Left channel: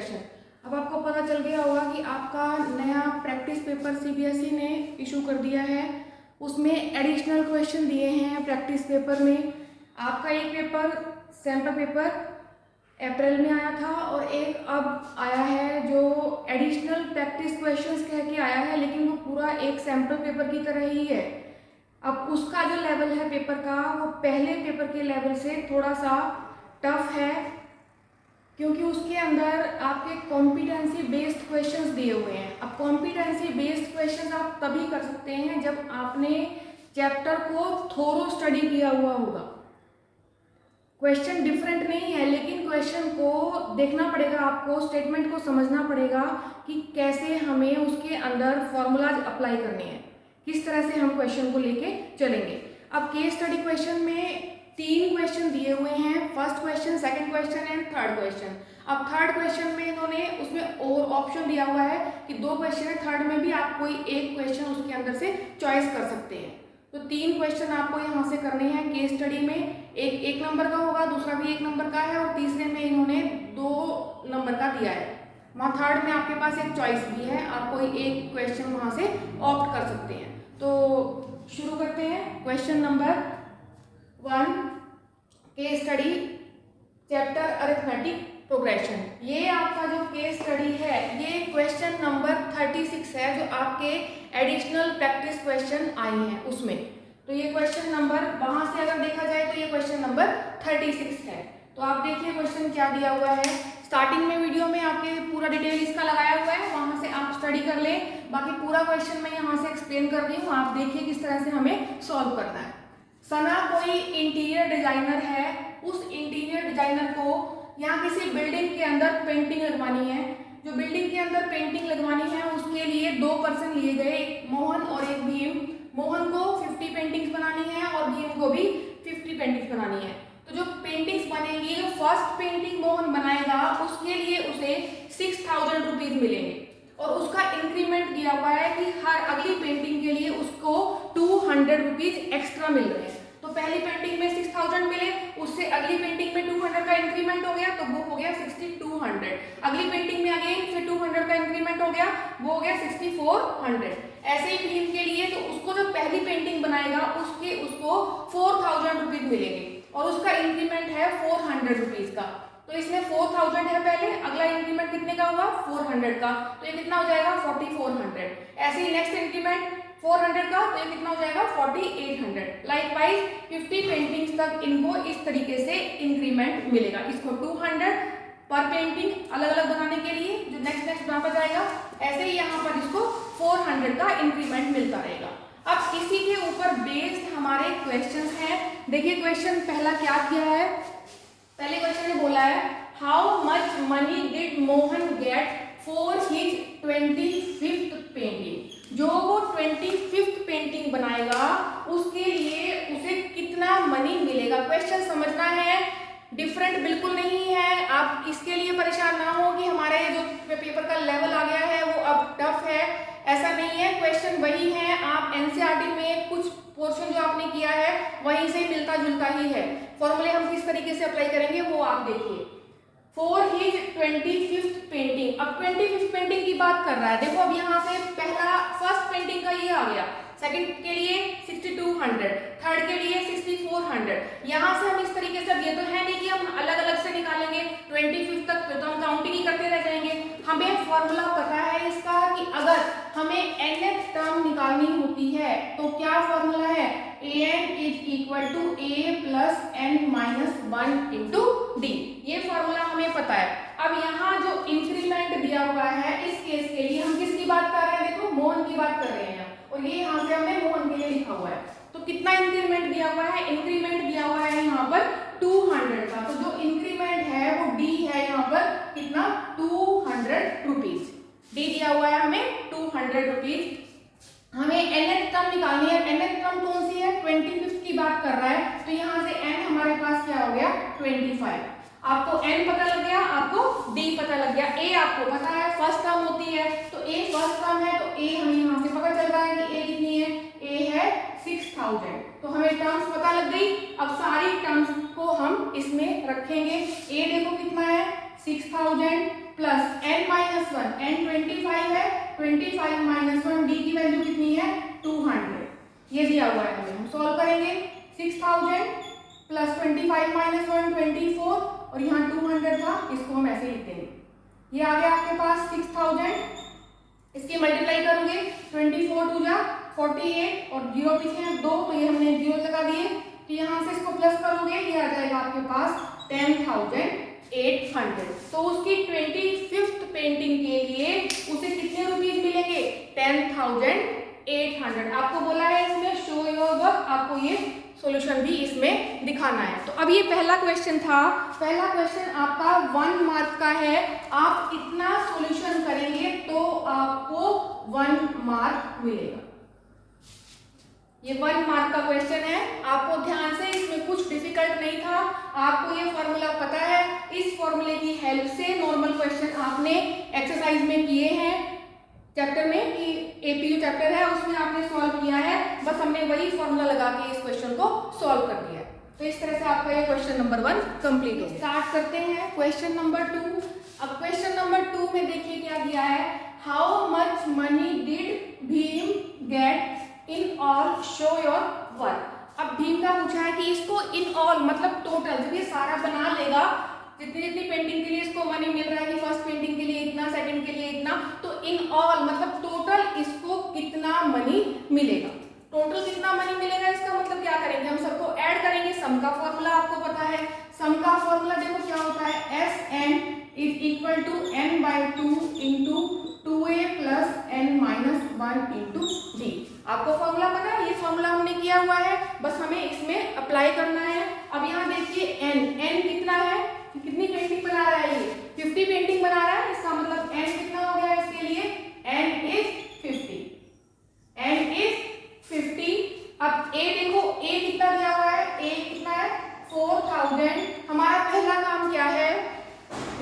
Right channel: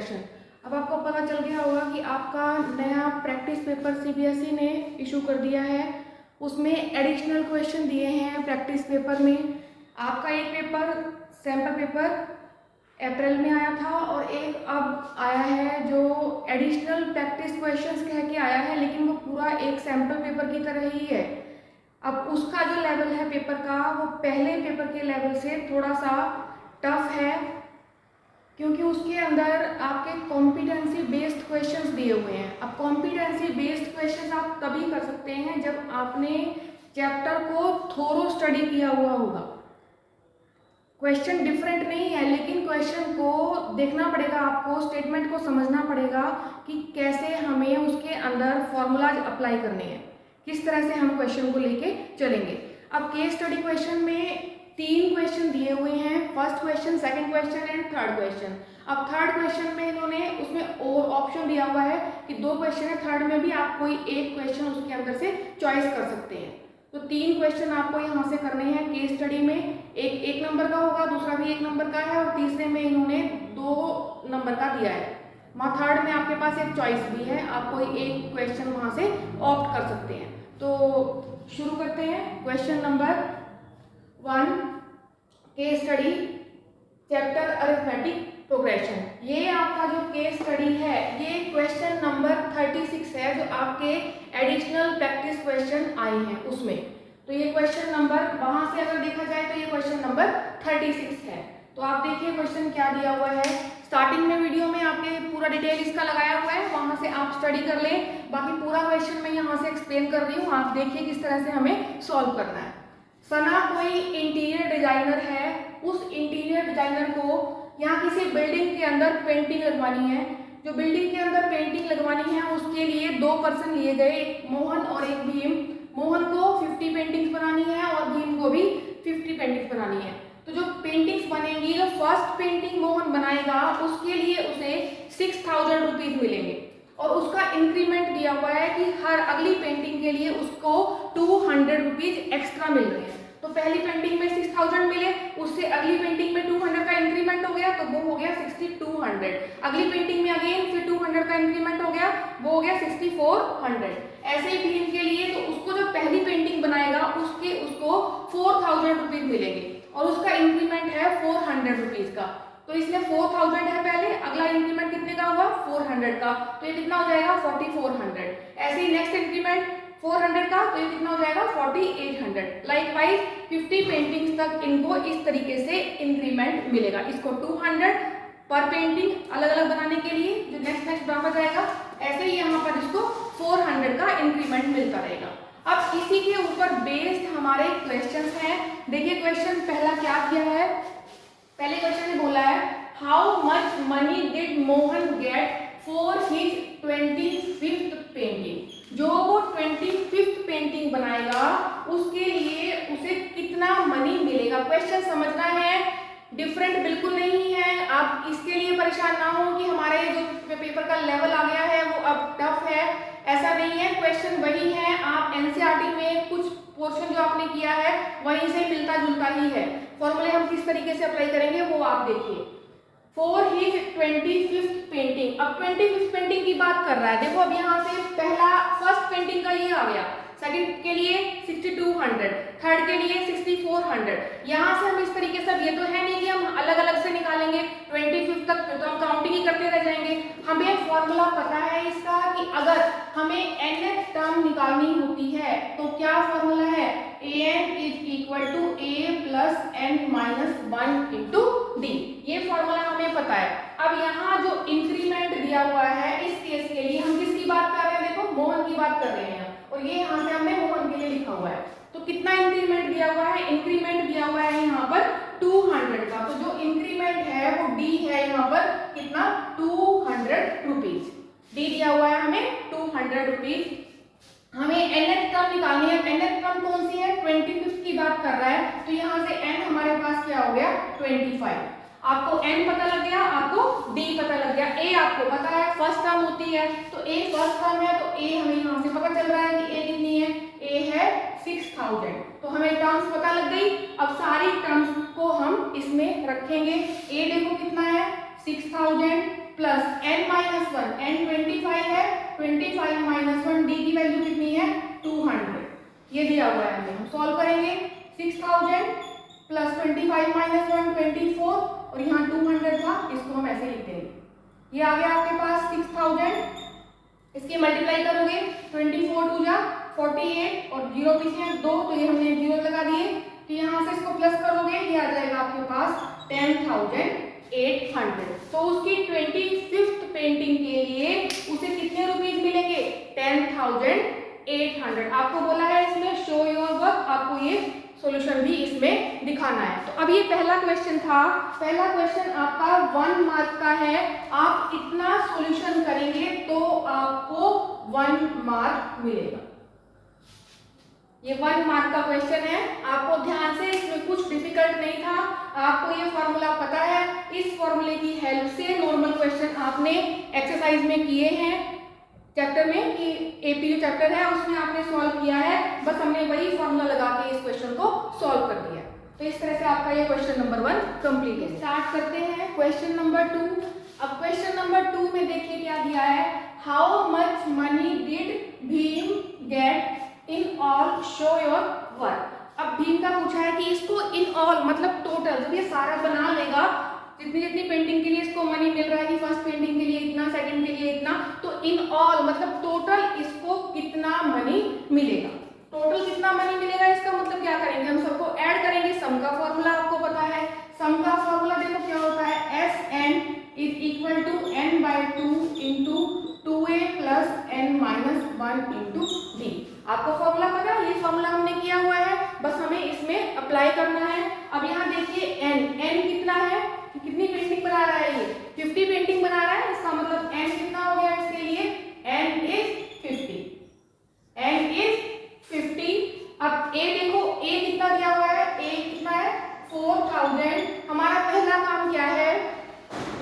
Progression. अब आपको पता चल गया होगा कि आपका नया प्रैक्टिस पेपर सीबीएसई ने इशू कर दिया है। उसमें एडिशनल क्वेश्चन दिए हैं प्रैक्टिस पेपर में। आपका एक पेपर सैम्पल पेपर अप्रैल में आया था और एक अब आया है जो एडिशनल प्रैक्टिस क्वेश्चंस कह के आया है, लेकिन वो पूरा एक सैम्पल पेपर की तरह ही है। अब उसका जो लेवल है पेपर का वो पहले पेपर के लेवल से थोड़ा सा टफ है, क्योंकि उसके अंदर आपके कॉम्पिटेंसी बेस्ड क्वेश्चंस दिए हुए हैं। अब कॉम्पिटेंसी बेस्ड क्वेश्चन आप तभी कर सकते हैं जब आपने चैप्टर को थोरो स्टडी किया हुआ होगा। क्वेश्चन डिफरेंट नहीं है, लेकिन क्वेश्चन को देखना पड़ेगा, आपको स्टेटमेंट को समझना पड़ेगा कि कैसे हमें उसके अंदर फॉर्मूलाज अप्लाई करने हैं, किस तरह से हम क्वेश्चन को लेके चलेंगे। अब केस स्टडी क्वेश्चन में 3 क्वेश्चन दिए हुए हैं, first question, second question and third question. अब थर्ड क्वेश्चन में इन्होंने उसमें और ऑप्शन दिया हुआ है कि 2 क्वेश्चन है, थर्ड में भी आप कोई एक क्वेश्चन उसके अंदर से चॉइस कर सकते हैं। तो 3 क्वेश्चन आपको यहाँ से करने हैं केस स्टडी में। एक नंबर का होगा, दूसरा भी 1 नंबर का है और तीसरे में इन्होंने 2 नंबर का दिया है। वहाँ थर्ड में आपके पास एक चॉइस भी है, आप कोई एक क्वेश्चन वहाँ से ऑप्ट कर सकते हैं। तो शुरू करते हैं। Question number 1 case study chapter arithmetic progression. ये आपका जो केस स्टडी है ये क्वेश्चन नंबर 36 है जो आपके एडिशनल प्रैक्टिस क्वेश्चन आए हैं उसमें। तो ये क्वेश्चन नंबर वहां से अगर देखा जाए तो ये क्वेश्चन नंबर 36 है। तो आप देखिए क्वेश्चन क्या दिया हुआ है। स्टार्टिंग में वीडियो में आपके पूरा डिटेल इसका लगाया हुआ है, वहां से आप स्टडी कर लें। बाकी पूरा क्वेश्चन मैं यहाँ से एक्सप्लेन कर रही हूँ, आप देखिए किस तरह से हमें सॉल्व करना है। सना कोई इंटीरियर डिजाइनर है, उस इंटीरियर डिजाइनर को यहाँ किसी बिल्डिंग के अंदर पेंटिंग लगवानी है। जो बिल्डिंग के अंदर पेंटिंग लगवानी है उसके लिए 2 पर्सन लिए गए, एक मोहन और एक भीम। मोहन को 50 पेंटिंग्स बनानी है और भीम को भी 50 पेंटिंग्स बनानी है। तो जो पेंटिंग्स बनेंगी, जो फर्स्ट पेंटिंग मोहन बनाएगा उसके लिए उसे 6000 रुपीज मिलेंगे और उसका इंक्रीमेंट दिया हुआ है कि हर अगली पेंटिंग के लिए उसको 200 रुपीज एक्स्ट्रा मिल रहे हैं। तो पहली पेंटिंग में 6000 मिले, उससे अगली पेंटिंग में 200 का इंक्रीमेंट हो गया तो वो हो गया 6200। अगली पेंटिंग में अगेन फिर 200 का इंक्रीमेंट हो गया, वो हो गया 6400। ऐसे ही भीम के लिए तो उसको जो पहली पेंटिंग बनाएगा उसको 4000 रुपीज मिलेंगे और उसका इंक्रीमेंट है 400 रुपीज का। तो इसमें 4000 है पहले, अगला इंक्रीमेंट कितने का हुआ 400 का, तो ये कितना हो जाएगा 4400। ऐसे ही नेक्स्ट इंक्रीमेंट 400 का, तो ये कितना हो जाएगा 4800। लाइकवाइज 50 पेंटिंग्स तक इनको इस तरीके से इंक्रीमेंट मिलेगा। इसको 200 पर पेंटिंग अलग अलग बनाने के लिए जो नेक्स्ट बढ़ाता जाएगा, ऐसे ही यहाँ पर इसको 400 का इंक्रीमेंट मिलता रहेगा। अब इसी के ऊपर बेस्ड हमारे क्वेश्चंस हैं। देखिए क्वेश्चन पहला क्या किया है। पहले क्वेश्चन ने बोला है how much money did Mohan get for his 25th painting. जो वो 25th पेंटिंग बनाएगा उसके लिए उसे कितना मनी मिलेगा। क्वेश्चन समझना है, डिफरेंट बिल्कुल नहीं है। आप इसके लिए परेशान ना हो कि हमारा ये जो पेपर का लेवल आ गया है वो अब टफ है, ऐसा नहीं है। क्वेश्चन वही है, आप एनसीईआरटी में कुछ पोर्शन जो आपने किया है वहीं से मिलता जुलता ही है। फॉर्मूले हम किस तरीके से अप्लाई करेंगे वो आप देखिए। फॉर हिज 25th पेंटिंग, अब 25th पेंटिंग की बात कर रहा है। देखो अब यहाँ से पहला फर्स्ट पेंटिंग का ये आ गया, सेकंड के लिए 6200, थर्ड के लिए 6400। यहाँ से हम इस तरीके से, ये तो है नहीं कि हम अलग अलग से निकालेंगे 25th तक, तो हम काउंटिंग ही करते रह जाएंगे। हमें फॉर्मूला पता है इसका कि अगर हमें nth टर्म निकालनी होती है तो क्या फॉर्मूला है, an is equal to a plus n minus 1 into D. ये फॉर्मूला हमें पता है। अब यहाँ जो इंक्रीमेंट दिया हुआ है इस केस के लिए हम किसकी बात कर रहे हैं, देखो मोहन की बात कर रहे हैं और ये यहाँ से हमने मोहन के लिए लिखा हुआ है। तो कितना इंक्रीमेंट दिया हुआ है, इंक्रीमेंट दिया हुआ है यहाँ पर 200 का। तो जो इंक्रीमेंट है वो डी है यहाँ पर कितना 200 रुपीज। डी दिया हुआ है हमें 200 रुपीज। हमें nth टर्म निकालनी है। nth टर्म कौन सी है, 25th की बात कर रहा है। तो यहाँ से n हमारे पास क्या हो गया 25। आपको n पता लग गया, आपको d पता लग गया। a आपको पता है फर्स्ट टर्म होती है, तो a फर्स्ट टर्म है तो a हमें यहाँ से पता चल रहा है कि a कितनी है, a है 6000। तो हमें टर्म्स पता लग गई। अब सारी टर्म्स को हम इसमें रखेंगे। a देखो कितना है 6000, plus n minus one, n 25 है, 25 माइनस वन, d की वैल्यू कितनी है 200, ये दिया हुआ है हमें। हम सॉल्व करेंगे 6000 प्लस 25 माइनस वन 24 और यहाँ 200 था, इसको हम ऐसे लिख देंगे। ये आ गया आपके पास 6000, इसकी मल्टीप्लाई करोगे 24 टू जा 48 और 0 पीछे हैं 2, तो ये हमने 0 लगा दिए। तो यहाँ से इसको प्लस करोगे, ये आ जाएगा आपके पास 10,800। तो उसकी 25th पेंटिंग के लिए उसे कितने रुपीज मिलेंगे 10,800। आपको बोला है इसमें शो योर वर्क, आपको ये सॉल्यूशन भी इसमें दिखाना है। तो अब ये पहला क्वेश्चन था, पहला क्वेश्चन आपका 1 मार्क का है। आप इतना सॉल्यूशन करेंगे तो आपको 1 मार्क मिलेगा। ये 1 मार्क का क्वेश्चन है, आपको ध्यान से, इसमें कुछ डिफिकल्ट नहीं था, आपको ये फॉर्मूला पता है। इस फॉर्मूले की हेल्प से नॉर्मल क्वेश्चन आपने एक्सरसाइज में किए हैं चैप्टर में, कि एपीयू चैप्टर है उसमें आपने सॉल्व किया है, बस हमने वही फॉर्मूला लगा के इस क्वेश्चन को सॉल्व कर दिया है। तो इस तरह से आपका ये क्वेश्चन नंबर 1 कंप्लीट है। स्टार्ट करते हैं क्वेश्चन नंबर 2। अब क्वेश्चन नंबर 2 में देखिए क्या दिया है, how much money did Bhim get in all, show your work. अब भीम का पूछा है कि इसको इन ऑल मतलब टोटल, जब ये सारा बना लेगा, जितनी जितनी पेंटिंग के लिए इसको मनी मिल रहा है कि फर्स्ट पेंटिंग के लिए इतना, सेकंड के लिए इतना, तो इन ऑल मतलब टोटल इसको कितना मनी मिलेगा। टोटल कितना मनी मिलेगा इसका मतलब क्या करेंगे, हम सबको ऐड करेंगे। सम का फॉर्मूला आपको पता है, सम का फॉर्मूला देखो क्या होता है, Sn is equal to n/2 into 2a plus n-1 into d। आपको फॉर्मूला पता है, ये फॉर्मूला हमने किया हुआ है, बस हमें इसमें अप्लाई करना है। अब यहाँ देखिए n कितना है, कितनी पेंटिंग बना रहा है, ये 50 पेंटिंग बना रहा है, इसका मतलब n कितना हो गया इसके लिए, n इज 50, n इज 50। अब a देखो, a कितना दिया हुआ है, a कितना है 4000। हमारा पहला काम क्या है,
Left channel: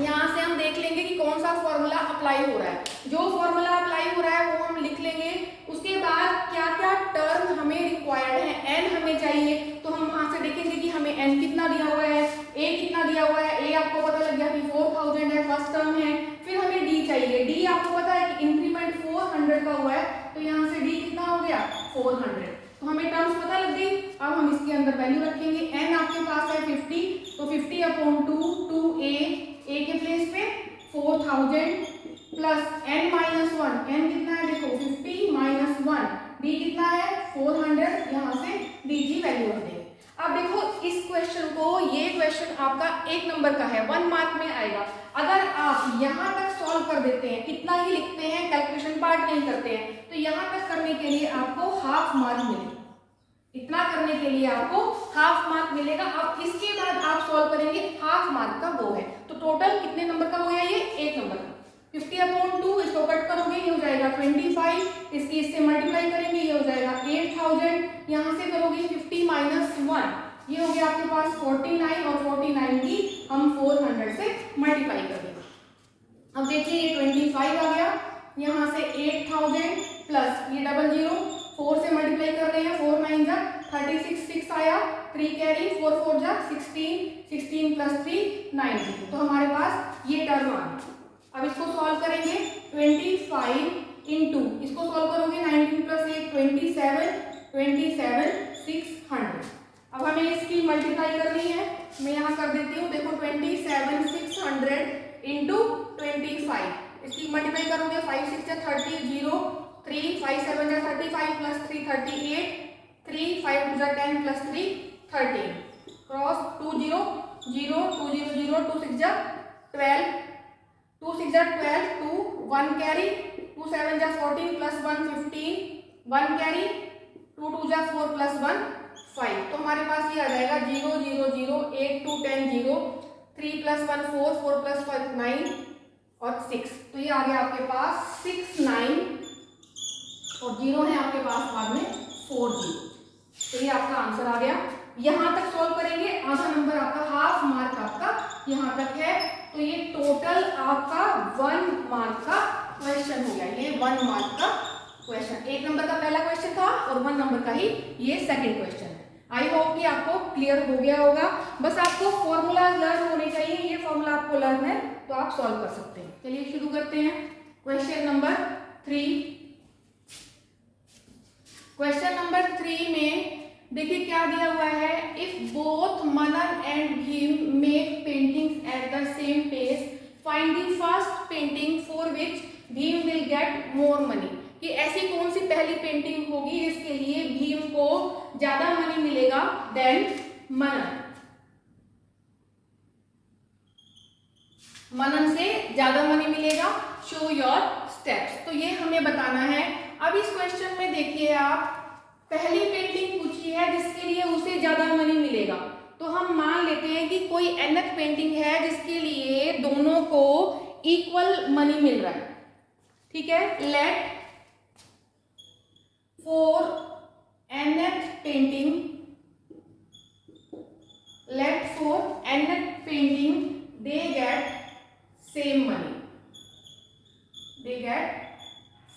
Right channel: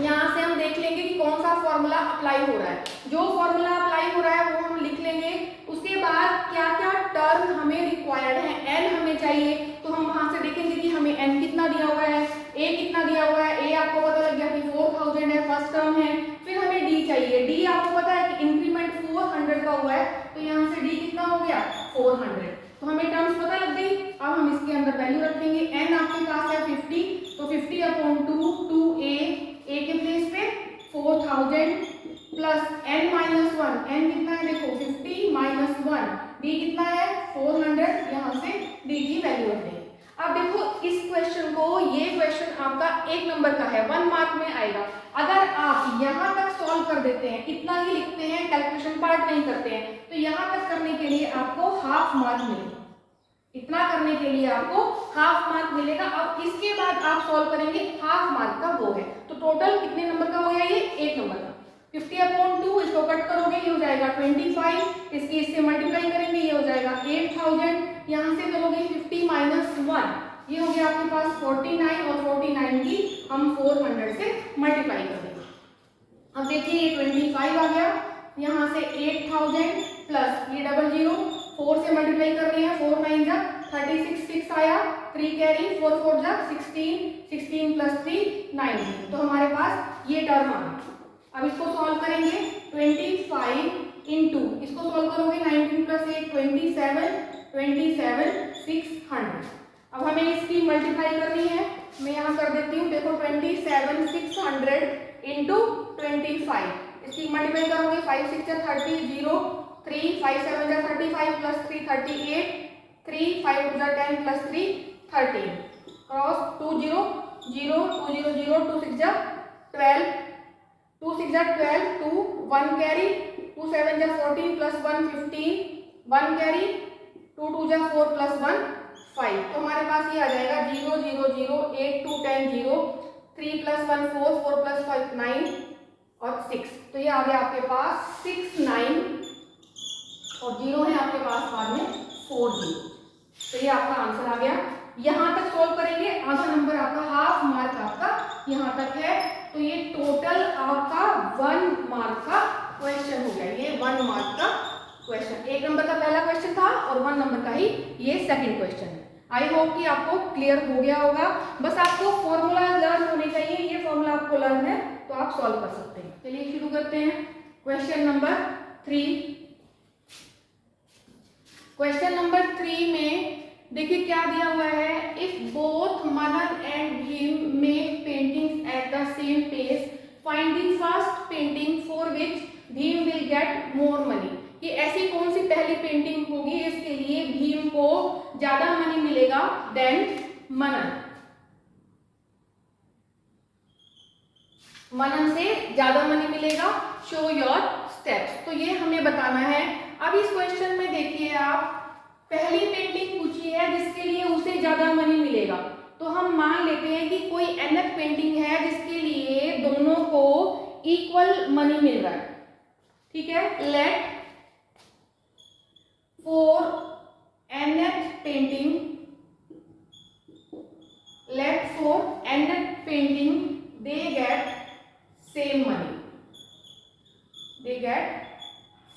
यहाँ से हम देख लेंगे कि कौन सा फॉर्मूला अप्लाई हो रहा है। जो फॉर्मूला अप्लाई हो रहा है वो हम लिख लेंगे। उसके बाद क्या क्या टर्म हमें रिक्वायर्ड है, n हमें चाहिए, तो हम वहां से देखेंगे कि हमें n कितना दिया हुआ है, a कितना दिया हुआ है। a आपको पता लग गया कि 4000 है, फर्स्ट टर्म है। फिर हमें d चाहिए, d आपको पता है कि इंक्रीमेंट 400 का हुआ है, तो यहाँ से d कितना हो गया 400। तो हमें टर्म्स पता लग गई। अब हम इसके अंदर वैल्यू रखेंगे, n आपके पास है 50, तो 50/2 2a, a के प्लेस पे 4000 प्लस n-1, n कितना है देखो 50 माइनस 1, d कितना है 400, यहाँ से d की वैल्यू रख देंगे। अब देखो इस क्वेश्चन को, ये क्वेश्चन आपका 1 नंबर का है, 1 मार्क में आएगा। अगर आप यहाँ तक सॉल्व कर देते हैं, इतना ही लिखते हैं, कैलकुलेशन पार्ट नहीं करते हैं, तो यहाँ तक करने के लिए आपको हाफ मार्क मिलेगा। इतना करने के लिए आपको हाफ मार्क मिलेगा। अब इसके बाद आप सॉल्व करेंगे, हाफ मार्क का वो है, तो टोटल कितने नंबर का हो गया ये 1 नंबर का। 50/2 इसको कट करोगे, ये हो जाएगा 25, इसकी इससे मल्टीप्लाई करेंगे, ये हो जाएगा 8000। यहाँ से करोगे 50 माइनस 1, ये हो गया आपके पास 49, और 49 की हम 400 से मल्टीप्लाई कर देंगे। अब देखिए ये 25 आ गया, यहाँ से 8000 प्लस ये 00, 4 से मल्टीप्लाई कर रहे हैं, 4 9 जा 36, 6 आया, 3 कैरी, 4 4 जा 16, 16 प्लस 3 19। तो हमारे पास ये टर्म आ गया। अब इसको सॉल्व करेंगे, 25 इंटू, इसको सॉल्व करोगे 19 प्लस 1 27, 27 600। अब हमें इसकी मल्टीप्लाई करनी है, मैं यहाँ कर देती हूँ, देखो 27 600 इंटू 25, इसकी मल्टीप्लाई करोगे 5 6 जा 30, 0 3 5 7 जा 35 प्लस 3 38, 3 5 2 जा 10 प्लस 3 13, क्रॉस 2 0 0 2 0 0 2 6 जा 12, 2 6 जा 12, 2 1 कैरी, 2 7 जा 14 प्लस 1 15, 1 कैरी, 2 2 जा 4 प्लस 1 5। तो हमारे पास ये आ जाएगा 0 0 0 8 2 10 0, 3 प्लस 1 4, 4 प्लस 5 9 और 6। तो ये आ गया आपके पास 6 9 और 0 है आपके पास बाद में 4 0। तो ये आपका आंसर आ गया। यहाँ तक सॉल्व करेंगे, आधा नंबर आपका, हाफ मार्क आपका यहाँ तक है। तो ये टोटल आपका 1 मार्क का क्वेश्चन हो गया, ये 1 मार्क का क्वेश्चन। 1 नंबर का पहला क्वेश्चन था और 1 नंबर का ही ये सेकंड क्वेश्चन है। आई होप कि आपको क्लियर हो गया होगा। बस आपको फॉर्मूला लर्न होने चाहिए, ये फॉर्मूला आपको लर्न है तो आप सॉल्व कर सकते हैं। चलिए शुरू करते हैं। Question number 3। क्वेश्चन नंबर 3 में देखिए क्या दिया हुआ है, if both Manan and Bhim make paintings at the same pace find the first painting for which Bhim will get more money. कि ऐसी कौन सी पहली पेंटिंग होगी जिसके लिए भीम को ज्यादा मनी मिलेगा देन मनन, मनन से ज्यादा मनी मिलेगा। शो योर स्टेप्स, तो ये हमें बताना है। अब इस क्वेश्चन में देखिए आप, पहली पेंटिंग पूछी है जिसके लिए उसे ज्यादा मनी मिलेगा, तो हम मान लेते हैं कि कोई nth पेंटिंग है जिसके लिए दोनों को इक्वल मनी मिल रहा है। ठीक है, let for nth painting, let for nth painting they get same money, they get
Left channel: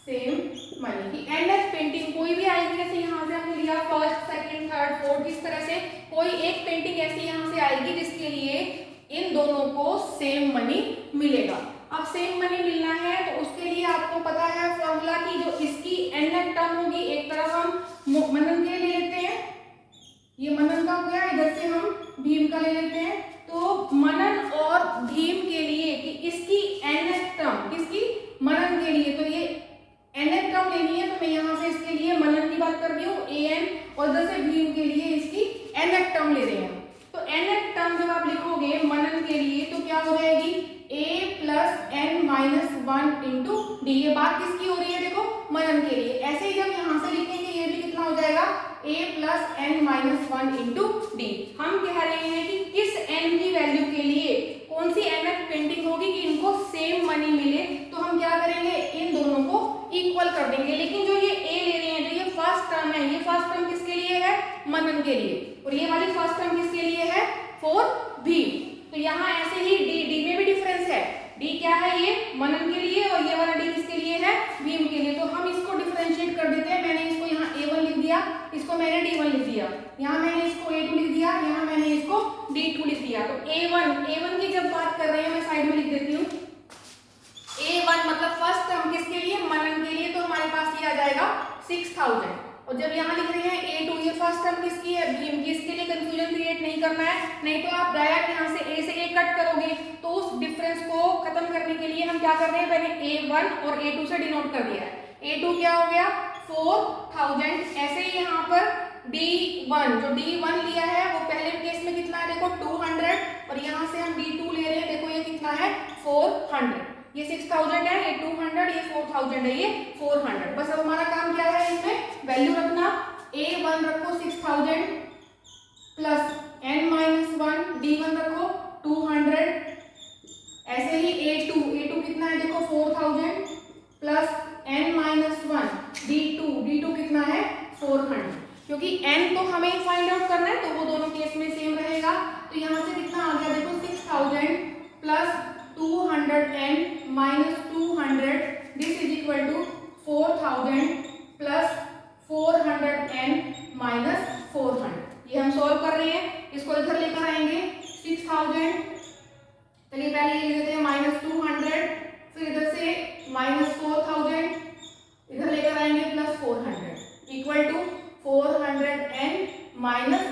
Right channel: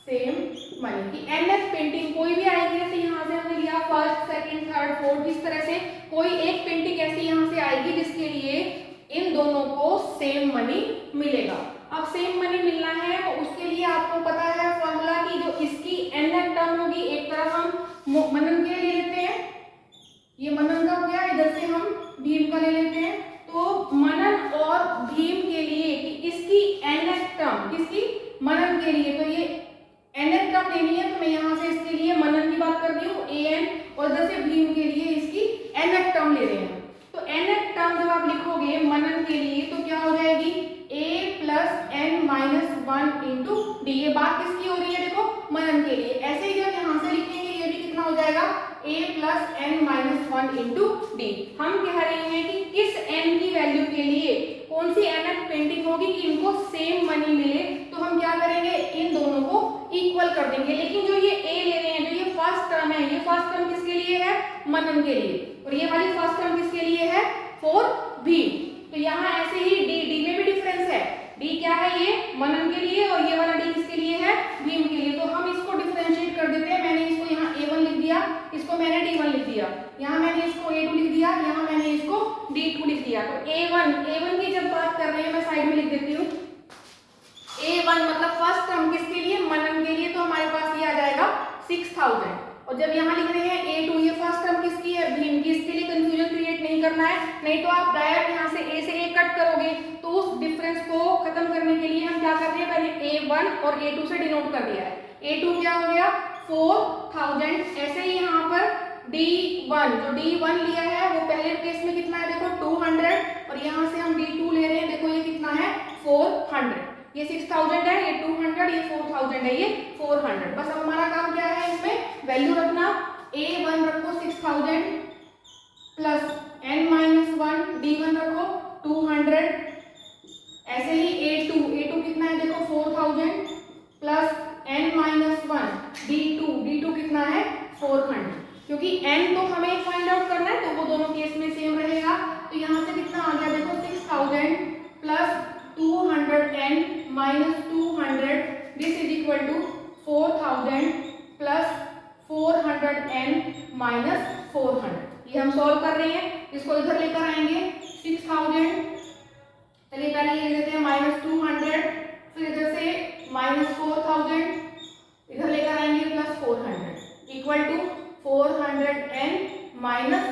same money. कि nth पेंटिंग कोई भी आएगी, जैसे यहाँ से हमने लिया फर्स्ट सेकंड थर्ड फोर्थ, इस तरह से कोई एक पेंटिंग ऐसी यहाँ से आएगी जिसके लिए इन दोनों को सेम मनी मिलेगा। अब सेम मनी मिलना है तो उसके लिए आपको पता है फॉर्मूला की जो इसकी nth टर्म होगी, एक तरफ हम मनन के ले लेते हैं, ये मनन का हो गया, इधर से हम भीम का ले लेते हैं। तो मनन और भीम के लिए कि इसकी nth टर्म, किसकी, मनन के लिए, तो ये nth टर्म लेनी है तो मैं यहाँ से इसके लिए मनन की बात कर रही हूँ an, और इधर से भीम के लिए इसकी nth टर्म ले रहे हैं। तो nth टर्म जब आप लिखोगे मनन के लिए तो क्या हो जाएगी, a plus n minus 1 into D. ये बात किसकी हो रही है, देखो मनन के लिए। ऐसे ही जब यहाँ से लिखेंगे ये भी कितना हो जाएगा, a plus n minus 1 into D. हम कह रहे हैं कि किस n की वैल्यू के लिए कौन सी nth पेंटिंग होगी कि इनको सेम मनी मिले, तो हम क्या करेंगे, इन दोनों को इक्वल कर देंगे। लेकिन जो ये a ले रहे हैं, जो ये फर्स्ट टर्म है, ये फर्स्ट टर्म किसके लिए है, मनन के लिए, और ये वाली फर्स्ट टर्म किसके लिए है, फॉर भीम। तो यहाँ ऐसे ही डी में भी डिफरेंस है, डी क्या है, ये मनन के लिए, और ये वाला डी किसके लिए है, भीम के लिए। तो हम इसको डिफरेंशिएट कर देते हैं। मैंने इसको यहाँ a1 लिख दिया, इसको मैंने d1 लिख दिया, यहाँ मैंने इसको a2 लिख दिया, यहाँ मैंने इसको d2 लिख दिया। तो a1 की जब बात कर रहे हैं, मैं साइड में लिख देती हूँ, a1 मतलब फर्स्ट टर्म किसके लिए, मनन के लिए, तो हमारे पास ये आ जाएगा 6000। और जब यहाँ लिख रहे हैं a2, ये फर्स्ट टर्म किसकी है, भीम की। इसके लिए कंफ्यूजन क्रिएट नहीं करना है, नहीं तो आप डायरेक्ट यहाँ से a से a कट करोगे, तो उस डिफरेंस को खत्म करने के लिए हम क्या कर रहे हैं, मैंने a1 और a2 से डिनोट कर दिया है। a2 क्या हो गया, 4000। ऐसे ही यहाँ पर d1, जो d1 लिया है वो पहले केस में कितना है, देखो 200, और यहाँ से हम d2 ले रहे हैं, देखो ये कितना है, 400। ये 6000 है, ये 200, ये 4000 है, ये 400। बस अब हमारा काम क्या है, इसमें वैल्यू रखना। a1 रखो 6000 प्लस n माइनस 1, d1 रखो 200। ऐसे ही a2 कितना है, देखो 4000 प्लस n माइनस 1, d2 कितना है, 400। क्योंकि n तो हमें फाइंड आउट करना है, तो वो दोनों केस में सेम रहेगा। तो यहाँ से कितना आ गया, देखो 6000 plus 200n minus 200, this is equal to 4000 plus 400n minus 400। ये हम सॉल्व कर रहे हैं, इसको इधर लेकर आएंगे 6000, चलिए पहले ये लिख देते हैं माइनस 200, फिर इधर से माइनस 4000, इधर लेकर आएंगे plus 400 equal to 400n minus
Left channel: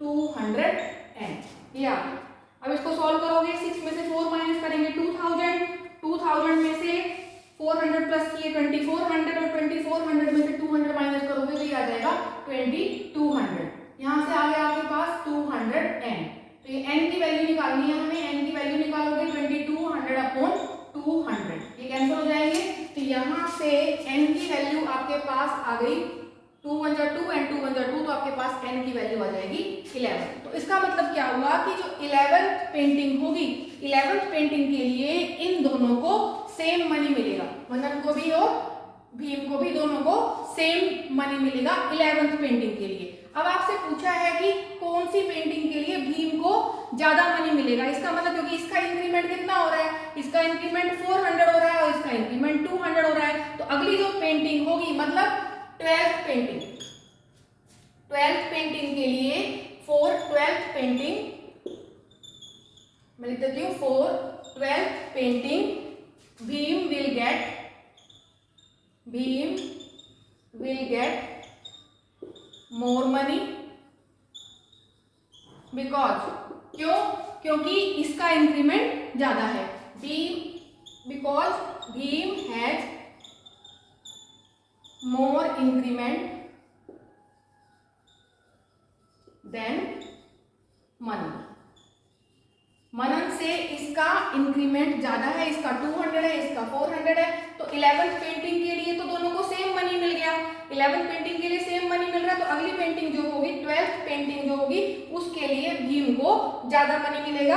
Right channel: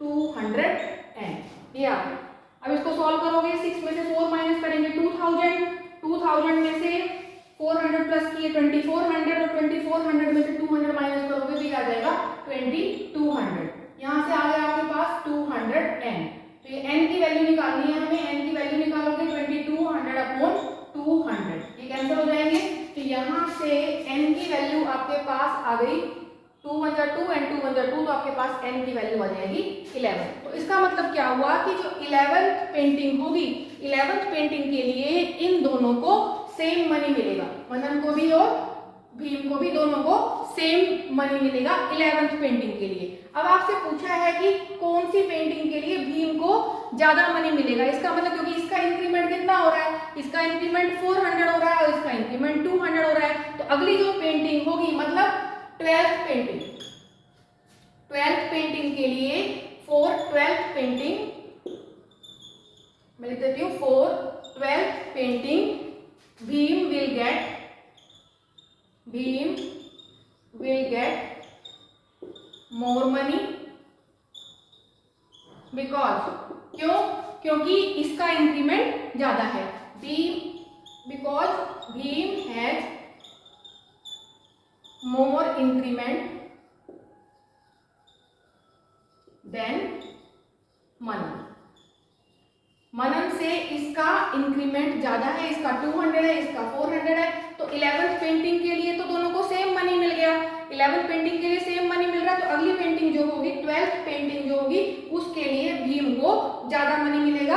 200n। ये आ गया। अब इसको सॉल्व करोगे, 6 में से 4 माइनस करेंगे 2000 में से 400 प्लस किए 2400, और 2400 में से 200 माइनस करोगे तो ये आ जाएगा 2200। यहाँ से आ गया आपके पास 200n। तो ये n की वैल्यू निकालनी है हमें, n की वैल्यू निकालोगे 2200 अपॉन 200, ये कैंसिल हो जाएंगे। तो यहाँ से n की वैल्यू आपके पास आ गई 2 1 जा 2 एंड 2 1 जा 2, तो आपके पास n की वैल्यू आ जाएगी 11। तो इसका मतलब क्या हुआ कि जो 11th पेंटिंग होगी, 11th पेंटिंग के लिए इन दोनों को सेम मनी मिलेगा, मनन को भी और भीम को भी, दोनों को सेम मनी मिलेगा 11th पेंटिंग के लिए। अब आपसे पूछा है कि कौन सी पेंटिंग के लिए भीम को ज्यादा मनी मिलेगा। इसका मतलब क्योंकि इसका इंक्रीमेंट कितना हो रहा है, इसका इंक्रीमेंट 400 हो रहा है और इसका इंक्रीमेंट 200 हो रहा है। तो अगली जो पेंटिंग होगी, मतलब 12th पेंटिंग के लिए, फॉर 12th पेंटिंग मैं लिख देती हूँ, for 12th painting Bhim will get more money because क्योंकि इसका इंक्रीमेंट ज्यादा है। because Bhim has more increment than Manan। मनन से इसका इंक्रीमेंट ज्यादा है, इसका 200 है, इसका 400 है। तो 11th पेंटिंग के लिए तो दोनों को सेम मनी मिल गया। 11th पेंटिंग के लिए सेम मनी मिल रहा है, तो अगली पेंटिंग जो होगी 12th पेंटिंग जो होगी उसके लिए भीम को ज्यादा मनी मिलेगा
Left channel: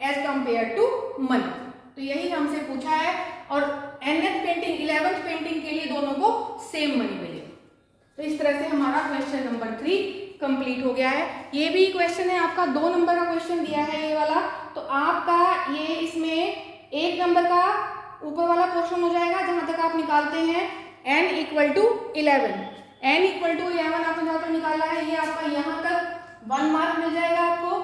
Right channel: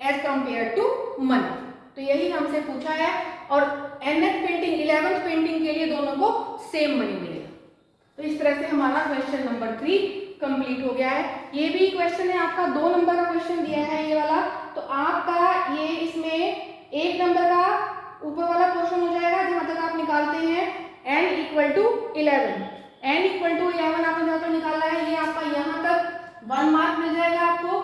एज कंपेयर टू मनन। तो यही हमसे पूछा है। और nth पेंटिंग 11th पेंटिंग के लिए दोनों को सेम मनी मिलेगा। तो इस तरह से हमारा क्वेश्चन नंबर 3 कंप्लीट हो गया है। ये भी क्वेश्चन है आपका 2 नंबर का क्वेश्चन दिया है ये वाला। तो आपका ये इसमें 1 नंबर का ऊपर वाला क्वेश्चन हो जाएगा जहां तक आप निकालते हैं n = 11। n = 11 आपने जहां पर निकाला है ये आपका यहाँ तक 1 मार्क मिल जाएगा आपको।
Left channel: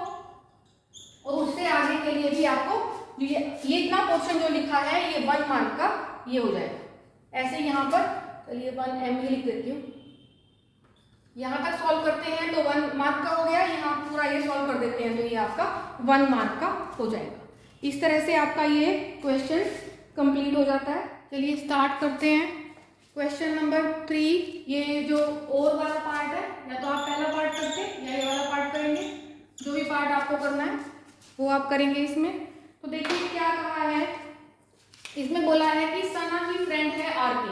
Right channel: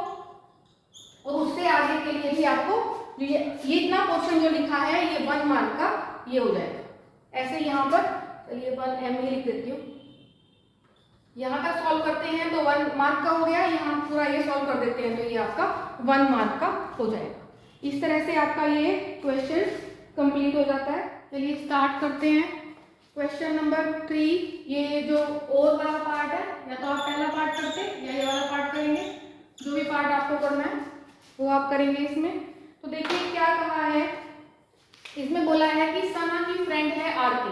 और उससे आगे के लिए भी आपको जो ये इतना क्वेश्चन जो लिखा है ये 1 मार्क का ये हो जाएगा। ऐसे यहाँ पर चलिए 1 m ही लिख देती हूँ। यहाँ तक सॉल्व करते हैं तो 1 मार्क का हो गया, यहाँ पूरा ये सॉल्व कर देते हैं तो ये आपका 1 मार्क का हो जाएगा। इस तरह से आपका ये क्वेश्चन कंप्लीट हो जाता है। चलिए स्टार्ट करते हैं क्वेश्चन नंबर 3। ये जो और वाला पार्ट है, या तो आप पहला पार्ट करते या ये वाला पार्ट करेंगे, जो भी पार्ट आपको करना है वो आप करेंगे इसमें। तो देखिए क्या कहा है, इसमें बोला है कि सना की फ्रेंड है आरती।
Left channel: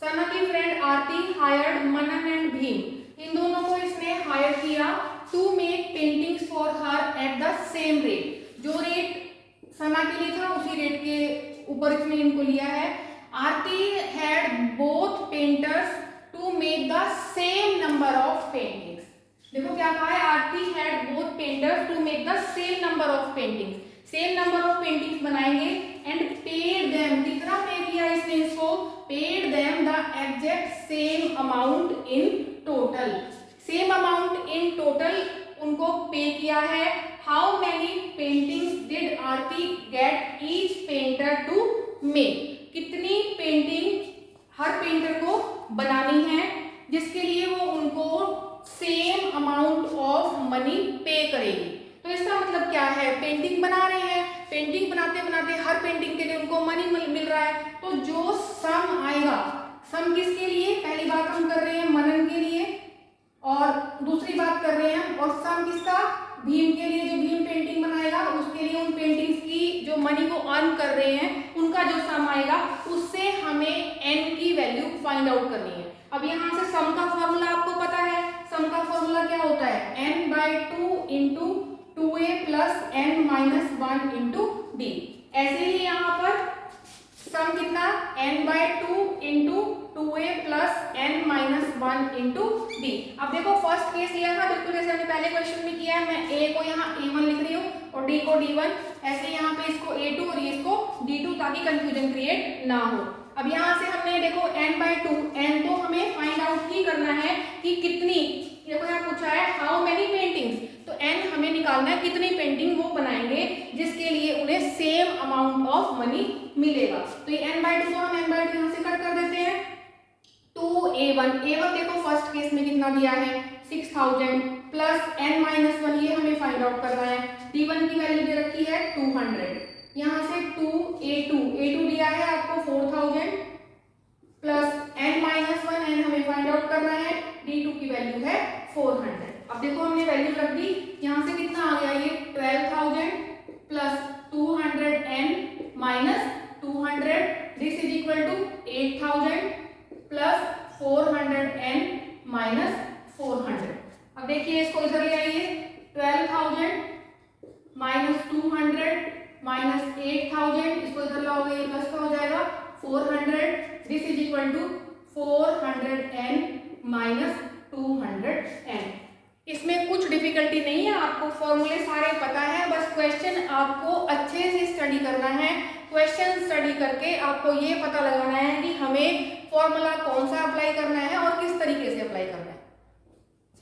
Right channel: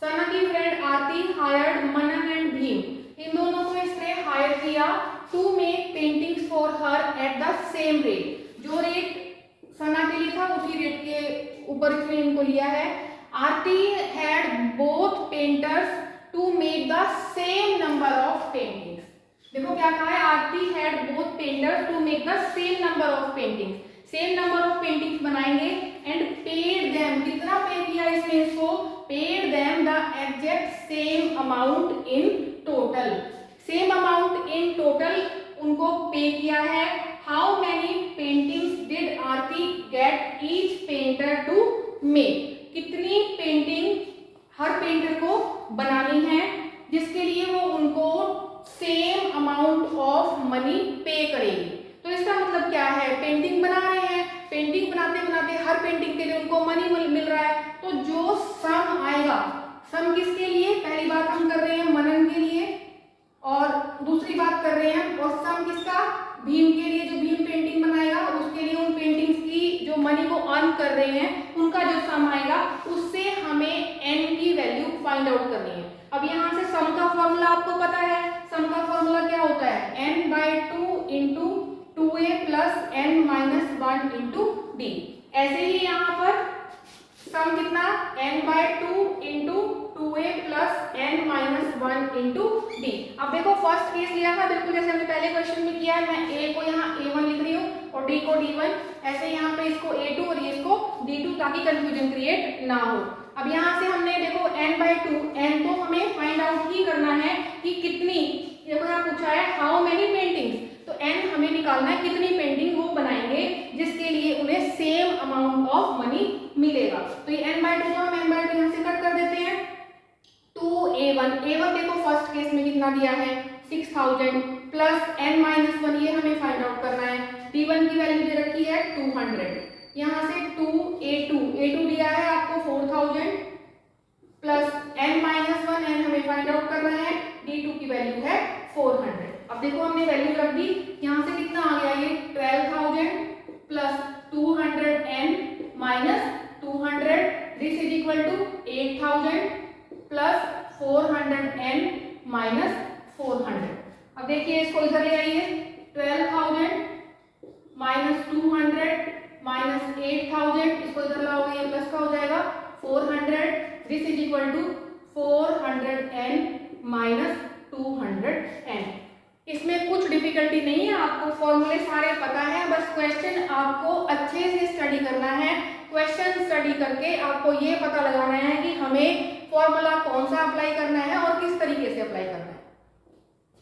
सना की friend Aarti hired Manan and Bhim, इन दोनों को इसने हायर किया to make paintings for her at the same rate. जो रेट सना के लिए था उसी रेट के ऊपर इसने इनको लिया है। Aarti had both painters to make the same number of paintings. देखो क्या कहा है, Aarti had both painters to make the same number of paintings. Same number of paintings बनाएंगे एंड पेड देम, कितना पे किया इसने इसको, paid them the exact same amount in total. Same amount in total उनको पे किया है। How many paintings did Aarti get each painter to make, कितनी painting हर painter को बनानी है जिसके लिए वो उनको सेम अमाउंट ऑफ मनी पे करेगी। तो इसका मतलब क्या है, पेंटिंग बना रहे हैं, पेंटिंग बनाते बनाते हर पेंटिंग के लिए उनको मनी मिल रहा है। तो जो सम आएगा, सम किसके लिए, पहली बात हम कर रहे हैं मनन के लिए और दूसरी बात कर रहे हैं, और सम किसका, भीम के लिए, जो भीम पेंटिंग बनाएगा उसके लिए उन पेंटिंग्स की जो मनी को अर्न कर रहे हैं उनका जो सम आएगा उससे हमें n की वैल्यू फाइंड आउट करनी है। अब यहाँ से सम का फॉर्मूला आपको पता है, सम का फॉर्मूला क्या होता है, n/2 into 2a plus n minus 1 into d। ऐसे ही यहाँ पर सम कितना, n/2 into 2a plus n minus 1 into d। अब देखो फर्स्ट केस लिया था बिल्कुल जैसे हमने पहले क्वेश्चन में किया है, मैं a को यहाँ a1 लिख रही हूँ और d को d1, ऐसे यहाँ पे इसको a2 और ये इसको d2 ताकि कंफ्यूजन क्रिएट ना हो। अब यहाँ से हमने देखो n/2, n तो हमें फाइंड आउट ही करना है कि कितनी, देखो यहाँ पूछा है हाउ मेनी पेंटिंग्स, तो n हमें निकालना है कितनी पेंटिंग वो बनाएंगे जिसके लिए उन्हें सेम अमाउंट ऑफ मनी मिलेगा। तो ये n/2 को हम n/2 यहाँ से कट कर देते हैं। 2a1, a1 देखो फर्स्ट केस में कितना दिया है 6000 प्लस n-1 ये हमें फाइंड आउट करना है। d1 की वैल्यू दे रखी है 200, यहाँ से 2a2 दिया है आपको 4000 प्लस n-1 n हमें फाइंड आउट करना है, d2 की वैल्यू है 400। अब देखो हमने वैल्यू रख दी, यहाँ से कितना आ गया ये 12000 plus 200n minus 200, this is equal to 8000 plus 400n minus 400। अब देखिए इसको इधर ले आइए, 12000 माइनस 200 माइनस 8000, इसको इधर लाओगे ये प्लस का हो जाएगा 400, this is equal to 400n minus 200n। इसमें कुछ डिफिकल्टी नहीं है, आपको फॉर्मूले सारे पता है, बस क्वेश्चन आपको अच्छे से स्टडी करना है। क्वेश्चन स्टडी करके आपको ये पता लगाना है कि हमें फॉर्मूला कौन सा अप्लाई करना है और किस तरीके से अप्लाई करना है।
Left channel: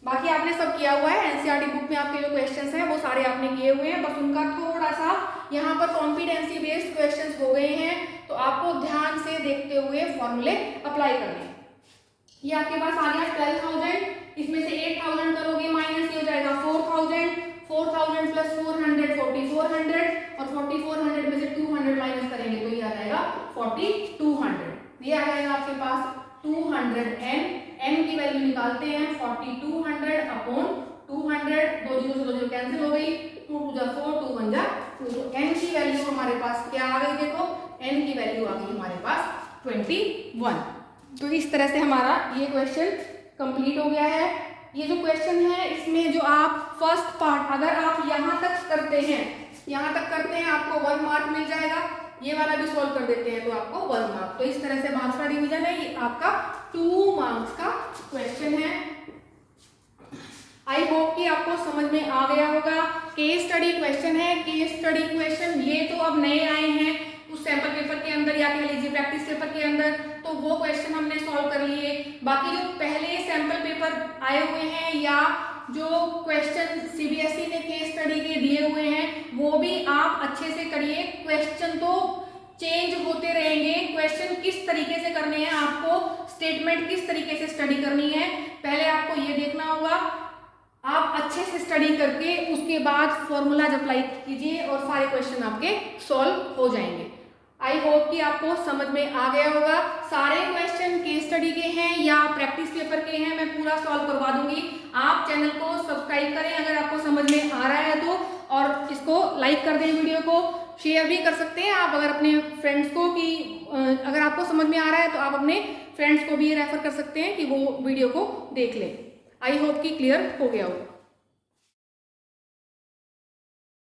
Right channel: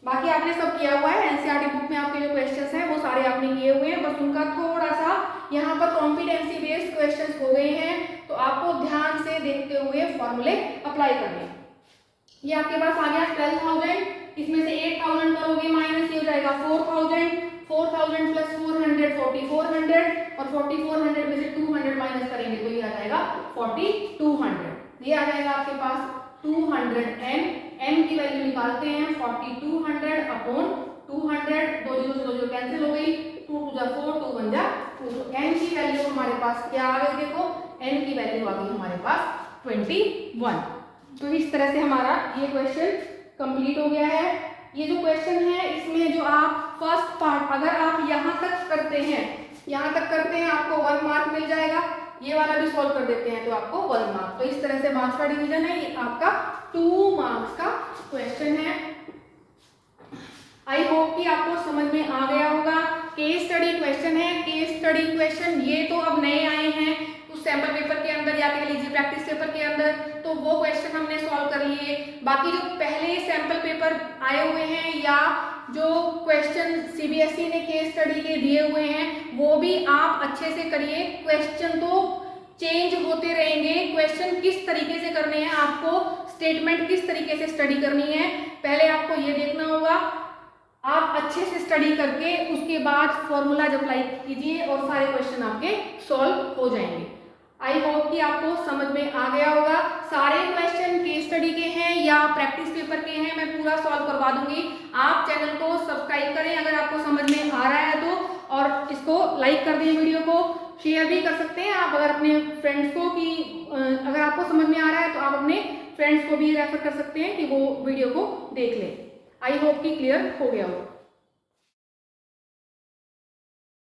बाकी आपने सब किया हुआ है, एनसीईआरटी बुक में आपके जो क्वेश्चंस हैं वो सारे आपने किए हुए हैं, बस उनका थोड़ा सा यहाँ पर कॉम्पिटेंसी बेस्ड क्वेश्चंस हो गए हैं, तो आपको ध्यान से देखते हुए फॉर्मूले अप्लाई करने हैं। ये आपके पास आ गया 12,000, इसमें से 8,000 करोगे माइनस, ये हो जाएगा 4,000, 4,000 प्लस 400 4,400, और 4,400 में से 200 माइनस करेंगे तो ये आ जाएगा 4,200। ये आ जाएगा आपके पास 200 m की वैल्यू निकालते हैं 4,200 अपॉन 200, 2 जीरो से 2 जीरो कैंसिल हो गई, 2 टू जा 4, 2 वन जा 2, तो n की वैल्यू हमारे पास क्या आ गई, देखो n की वैल्यू आ गई हमारे पास 21। तो इस तरह से हमारा ये क्वेश्चन कंप्लीट हो गया है। ये जो क्वेश्चन है इसमें जो आप फर्स्ट पार्ट अगर आप यहाँ तक करते हैं आपको 1 मार्क मिल जाएगा, ये वाला भी सॉल्व कर देते हैं तो आपको 1 मार्क। तो इस तरह से मार्क्स का डिवीजन है, ये आपका 2 मार्क्स का क्वेश्चन है। आई होप कि आपको समझ में आ गया होगा। केस स्टडी क्वेश्चन है, केस स्टडी क्वेश्चन ये तो अब नए आए हैं उस सैंपल पेपर के अंदर या कह लीजिए प्रैक्टिस पेपर के अंदर, तो वो क्वेश्चन हमने सॉल्व कर लिए। बाकी जो पहले सैंपल पेपर आए हुए हैं या जो क्वेश्चन सीबीएसई ने केस स्टडी के दिए हुए हैं वो भी आप अच्छे से करिए। क्वेश्चन तो चेंज होते रहेंगे, क्वेश्चन किस तरीके से करने हैं, आपको स्टेटमेंट किस तरीके से स्टडी करनी है, पहले आपको ये देखना होगा। आप अच्छे से स्टडी करके उसके बाद फॉर्मूला अप्लाई कीजिए और सारे क्वेश्चन आपके सॉल्व हो जाएंगे। आई होप कि आपको समझ में आ गया होगा। सारे क्वेश्चन केस स्टडी के हैं या प्रैक्टिस पेपर के हैं, मैं पूरा सॉल्व करवा दूंगी। आप चैनल को सब्सक्राइब करें अगर आपको समझ में आ रहा है तो, और इसको लाइक कर दें, वीडियो को शेयर भी कर सकते हैं आप अगर अपने फ्रेंड्स को, कि अगर आपको समझ में आ रहा है तो आप अपने फ्रेंड्स को भी रेफर कर सकते हैं कि वो वीडियो को देख लें। आई होप कि क्लियर हो गया हो।